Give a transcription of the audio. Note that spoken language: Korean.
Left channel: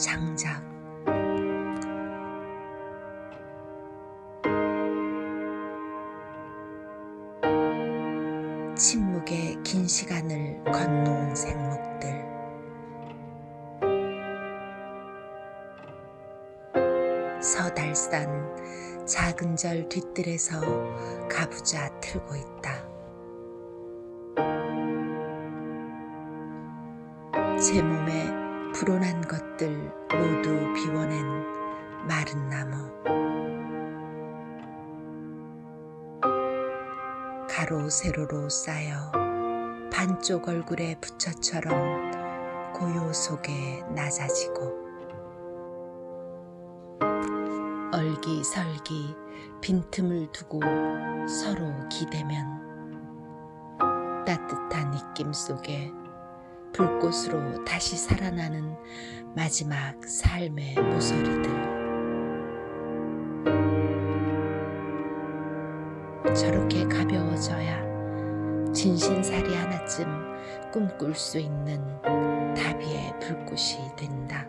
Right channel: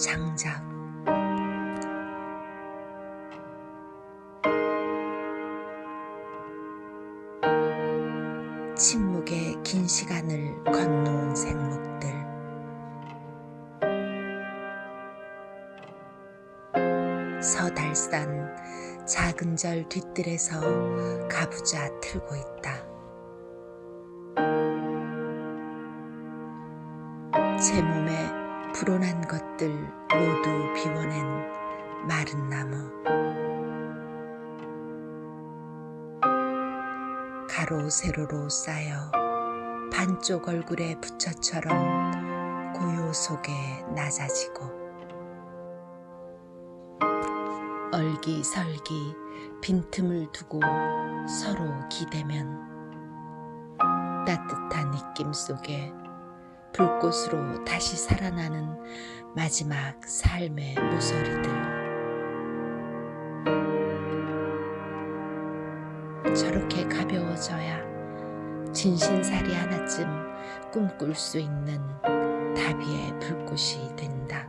장작. 침묵의 긴 시간을 건너온 생목들. 서달산 작은 절 뒤뜰에서 가부좌 틀고 있다. 제 몸에 불온한 것들 모두 비워낸 마른 나무. 가로 세로로 쌓여 반쪽 얼굴의 부처처럼 고요 속에 낮아지고, 얼기설기 빈틈을 두고 서로 기대면 따뜻한 입김 속에 불꽃으로 다시 살아나는 마지막 삶의 모서리들. 저렇게 가벼워져야 진신살이 하나쯤 꿈꿀 수 있는 다비의 불꽃이 된다.